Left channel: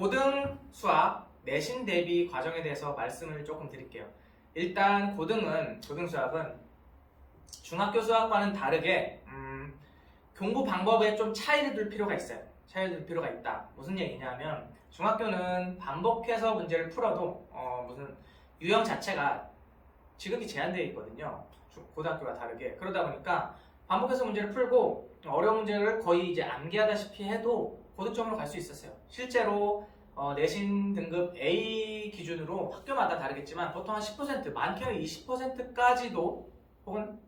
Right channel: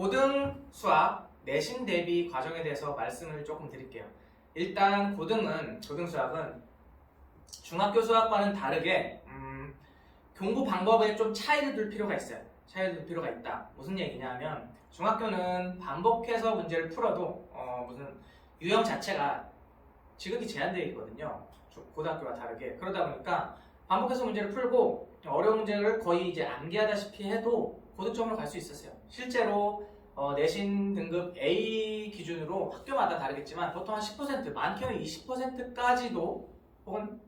고등 수학 내신 대비 과정에 대해서 말씀을 조금 드릴게요. 일단 고등 수학은 중학교 수학과는 다르게 공부 방법에 좀 차이를 둘 필요가 있어요. 차이를 둘 필요가 있다. 무슨 얘기냐면 중학교는 반복해서 문제를 풀어도 무슨 유형 자체가 지극히 제한되어 있거든요. 고등학교와 다르게. 그러다 보니까 반복해서 문제를 풀고 어려운 문제를 거의 이제 암기하다시피 해도 고득점으로 갈 수 있었어요. 실제로 내신 등급 A 기준으로 학교마다 다르겠지만 보통 한 10%, 많게는 20%까지도 혹은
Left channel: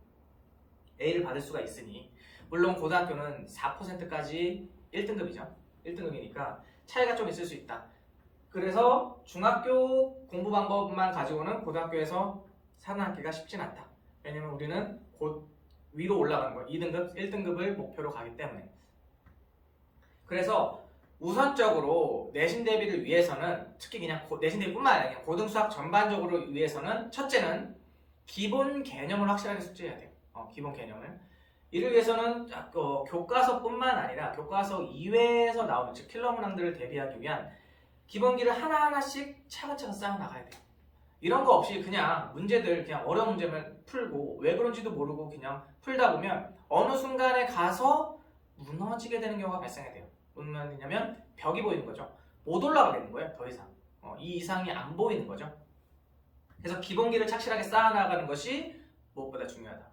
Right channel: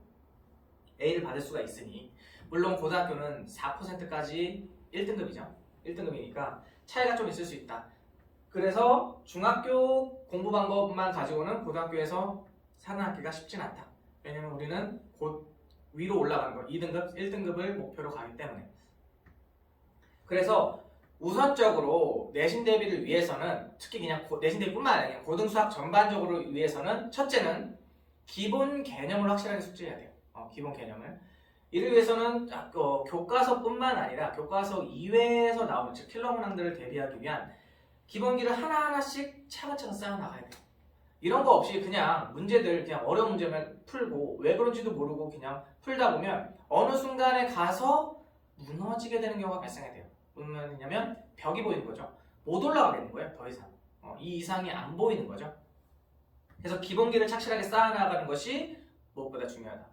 A를 받을 수가 있으니, 물론 고등학교는 4%까지 1등급이죠. 1등급이니까 차이가 좀 있을 수 있다. 그래서 중학교 공부 방법만 가지고는 고등학교에서 살아남기가 쉽진 않다. 왜냐면 우리는 곧 위로 올라가는 거, 2등급, 1등급을 목표로 가기 때문에. 그래서 우선적으로 내신 대비를 위해서는, 특히 그냥 내신 대비뿐만 아니라 고등수학 전반적으로 위해서는, 첫째는 기본 개념을 확실하게 숙지해야 돼요. 기본 개념을. 이를 위해서는 교과서뿐만 아니라 교과서 이외에서 나오는, 즉 킬러 문항들을 대비하기 위한 기본기를 하나하나씩 차근차근 쌓아 나가야 돼요. 이런 거 없이 그냥 문제들, 그냥 어려운 문제만 풀고 왜 그런지도 모르고 그냥 풀다 보면 어느 순간에 가서 무너지게 되는 경우가 발생해야 돼요. 무슨 말이냐면 벽이 보이는 거죠. 못 올라가겠는 거예요. 더 이상. 이 이상이 안 보이는 거죠. 그래서 기본기를 착실하게 쌓아나가는 것이 무엇보다 중요하다.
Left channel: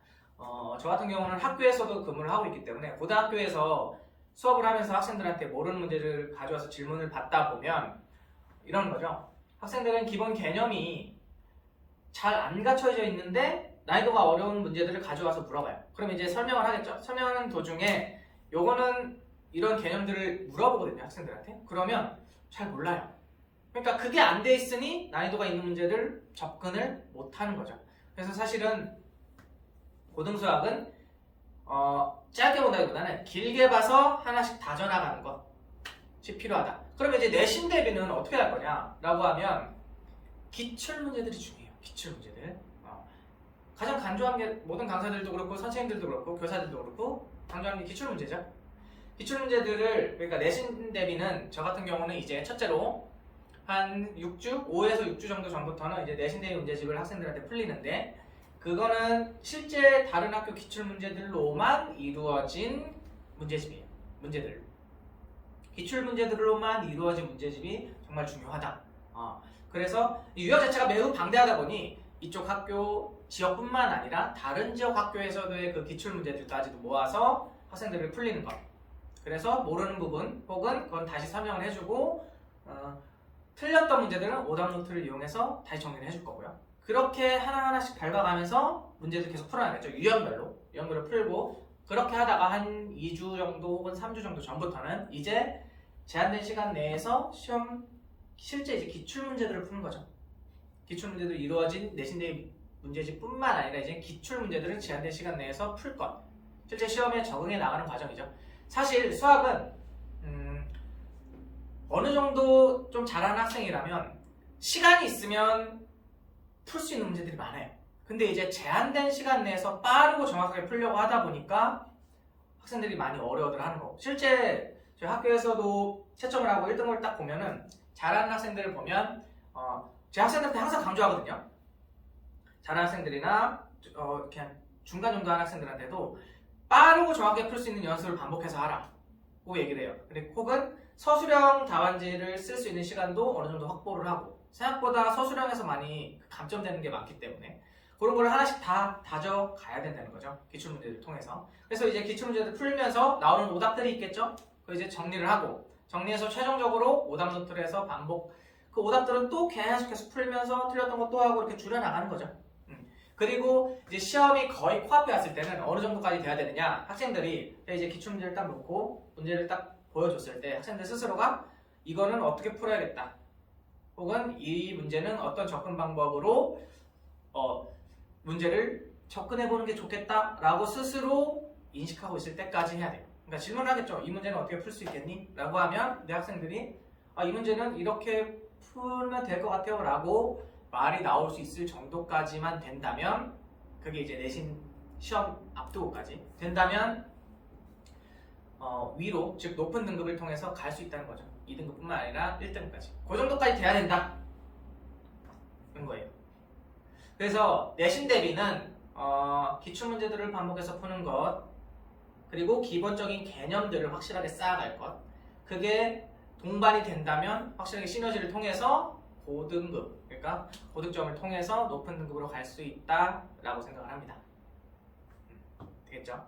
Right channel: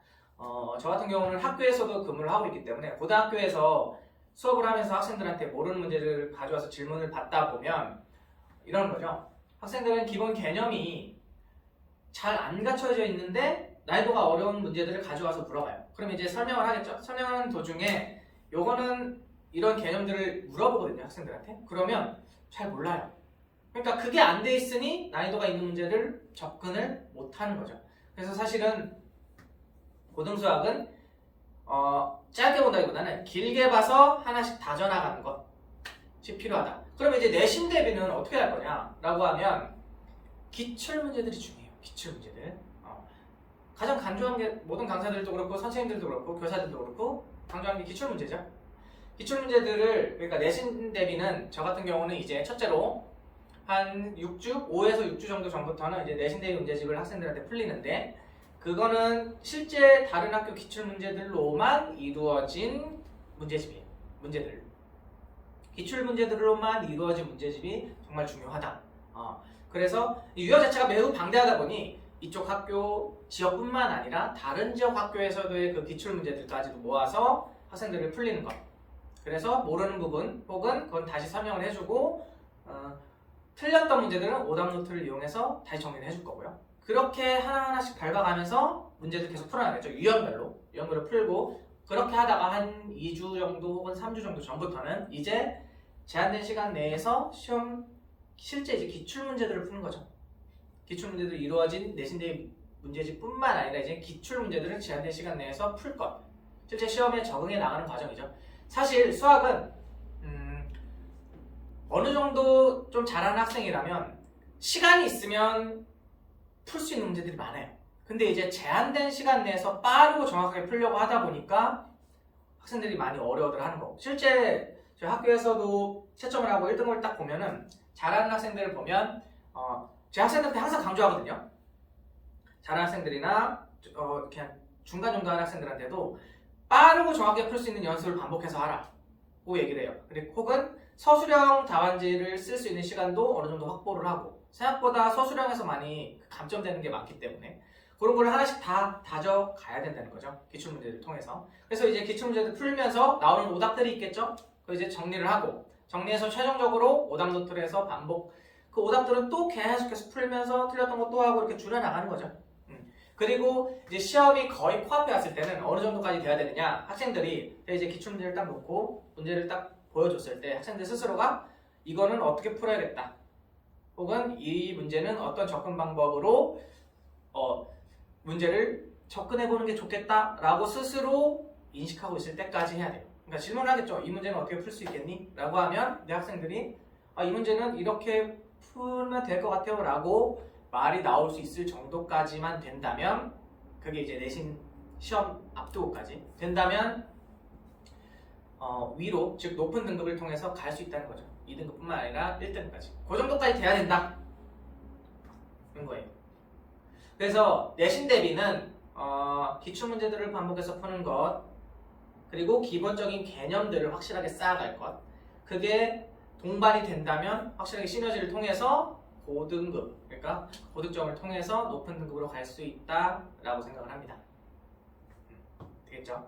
저 같은 경우는 학교에서도 근무를 하고 있기 때문에 고등학교에서 수업을 하면서 학생들한테 모르는 문제를 가져와서 질문을 받다 보면 이러는 거죠. 학생들은 기본 개념이 잘 안 갖춰져 있는데 난이도가 어려운 문제들을 가져와서 물어봐요. 그럼 이제 설명을 하겠죠. 설명하는 도중에 요거는 이런 개념들을 물어보거든요, 학생들한테. 그러면 잘 몰라요. 그러니까 그게 안 돼 있으니 난이도가 있는 문제를 접근을 못 하는 거죠. 그래서 사실은 고등수학은 짧게 본다기보다는 길게 봐서 하나씩 다져나가는 것이 필요하다. 그러면 이제 내신 대비는 어떻게 할 거냐라고 하면 기출 문제들이 중요해요. 기출 문제들. 가장 강조하는 게 모든 강사들도 그렇고 선생님들도 그렇고 교사들도 그렇고 강조하는 게 기출 문제죠. 기출 문제들을, 그러니까 내신 대비는 저 같은 경우는 이제 첫째로 한 6주, 5에서 6주 정도 전부터는 이제 내신 대비 문제집을 학생들한테 풀리는데, 그거는 실제 다른 학교 기출 문제들로만 이루어진 문제집이에요. 문제들. 기출 문제들로만 이루어진 문제집이 정말 중요하다. 그래서 이 유형 자체가 매우 방대하다 보니 이쪽 학교 지역뿐만 아니라 다른 지역 학교에서도의 그 기출 문제들까지도 모아서 학생들을 풀리는 것. 그래서 모르는 부분 혹은 그건 다시 설명을 해주고 틀렸던 문제들은 오답 노트를 이용해서 다시 정리를 해줄 거고요. 그렇게 하나하나씩 밟아가면서 문제들 계속 풀어나가겠죠. 유형별로 풀고, 그렇게 하다가 한 2주 정도 혹은 3주 정도 전부터는 이제 제한된 시간 내에서 실제 이제 기출 문제들을 푸는 거죠. 기출 문제들 이루어진 내신 대비 문제집뿐만 아니라 이제 기출 문제들은 제한된 시간 내에서 풀 것. 실제 시험에 적응해 나가는 과정이죠. 사실 수학은 어느 정도 좀 잘하는 학생이라면 시간이 있으면 풀 수 있는 문제들이 많아요. 근데 이제 제한된 시간 내에서 빠르고 정확하게 풀려고 하다 보니까 학생들이 많이 어려워들 하는 거고, 실제 저희 학교에서도 채점을 하고 1등급을 딱 보면은 잘하는 학생들을 보면 제 학생들한테 항상 강조하거든요. 잘하는 학생들이나 그냥 중간 정도 하는 학생들한테도 빠르고 정확하게 풀 수 있는 연습을 반복해서 하라고 얘기를 해요. 그리고 혹은 서술형 답안지를 쓸 수 있는 시간도 어느 정도 확보를 하고, 생각보다 서술형에서 많이 감점되는 게 많기 때문에 그런 걸 하나씩 다 다져가야 된다는 거죠. 기출문제를 통해서. 그래서 이제 기출문제를 풀면서 나오는 오답들이 있겠죠. 그걸 이제 정리를 하고, 정리해서 최종적으로 오답 노트를 해서 반복, 그 오답들은 또 계속해서 풀면서 틀렸던 거 또 하고 이렇게 줄여나가는 거죠. 그리고 이제 시험이 거의 코앞에 왔을 때는 어느 정도까지 돼야 되느냐, 학생들이 이제 기출문제를 딱 놓고 문제를 딱 보여줬을 때 학생들 스스로가 이거는 어떻게 풀어야겠다, 혹은 이 문제는 어떤 접근 방법으로 문제를 접근해보는 게 좋겠다라고 스스로 인식하고 있을 때까지 해야 돼요. 그러니까 질문을 하겠죠. 이 문제는 어떻게 풀 수 있겠니? 라고 하면 내 학생들이 이 문제는 이렇게 풀면 될 것 같아요 라고 말이 나올 수 있을 정도까지만 된다면, 그게 이제 내신 시험 앞두고까지 된다면 위로, 즉 높은 등급을 통해서 갈 수 있다는 거죠. 2등급뿐만 아니라 1등급까지 그 정도까지 돼야 된다 그런 거예요. 그래서 내신 대비는 기출문제들을 반복해서 푸는 것 그리고 기본적인 개념들을 확실하게 쌓아갈 것 그게 동반이 된다면 확실하게 시너지를 통해서 고등급 그러니까 고득점을 통해서 높은 등급으로 갈 수 있다라고 생각을 합니다. 되겠죠?